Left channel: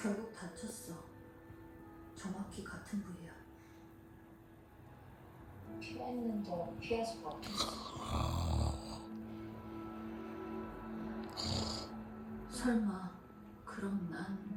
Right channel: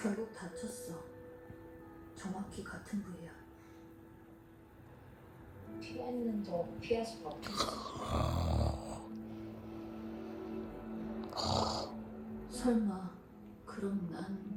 결국 다쳤어. 정확히 같은 부위야. 피했는데 피할 수가 없었어. 설마 그럼 난